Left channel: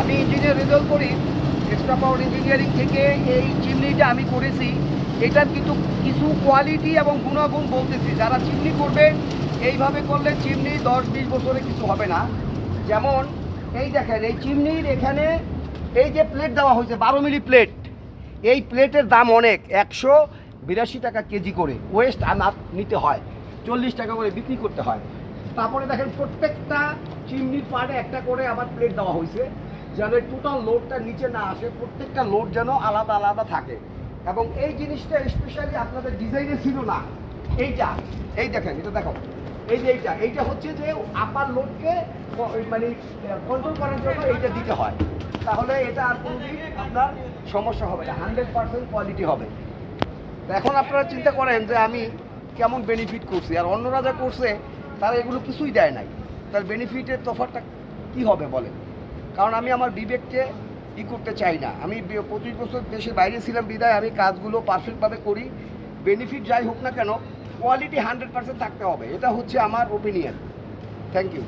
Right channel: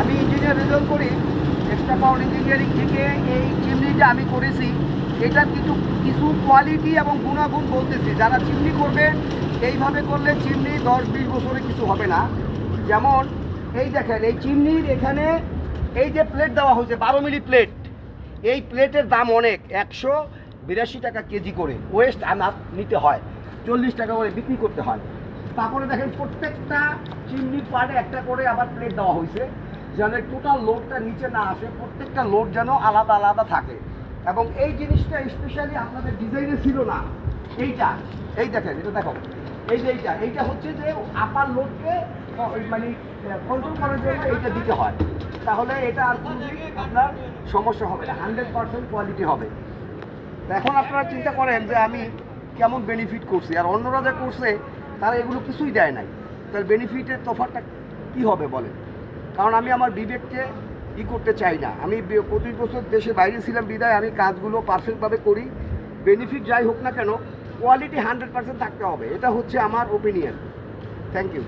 আমি engineer result করি, extra পাওয়ার engineering থেকে এই চিমনিটা আমি করেছি। এটার কিন্তু কিছু কোয়ালিটি এবং গুণাগুণ বলতেছি। যারা চিমনি করবেন এইভাবে করলে চিমনি 10-20 বছরে কিছু হবে না। যেমন এই দেখেন, এই চিমনির এখানে এই যে প্লেট দেওয়া হয়েছে 12 মিলি প্লেট, এই প্লেটের দাম অনেক, 182 টাকা কেজি করে ওয়েস্ট আমার নিতে হয়, 40 টাকা করে বিক্রি করতে হয়। তারপরে দেখেন প্রত্যেকটা চিমনির পাড়ে একটা করে আবার প্লেট দেওয়া হয়েছে, যেন টোটাল লোডটা নিচে না আসে, প্রত্যেকটা লোড যেন আলাদা আলাদা থাকে। এবং এই জিনিসটা স্পেশালি আপনাদের ডিজাইনে ছিল না। এইটা এই দেখেন, এটা দেখো, এই যে এইটা হচ্ছে যে আপার লোডকে মানে কন্ট্রোল করার জন্য এইটা দিতে হয়। তাহলে এটা আর কোনোদিন আপনার সমস্যা হবে না, 100% কোয়ালিটি হবে। তো এখন আপনারা চিন্তা করেন যে আমি কেমন বেনিফিট করছি, আর অন্যরা যা করছে তারা এগুলো কিছুই দেয় নাই, তার বেনিফিটের তফাৎটা কী হবে বলেন? কারণ আমি আমার বিবেককে করতে চাই না। আমি 25 বছর দেশের বাইরে ছিলাম বিদায় আমি কাজগুলো পারফেক্টভাবে করি। বেনিফিট যাই হোক না কেন, কোয়ালিটি 100% থাকতে হবে, এটা হচ্ছে আমার ওপিনিয়ন। Thank you.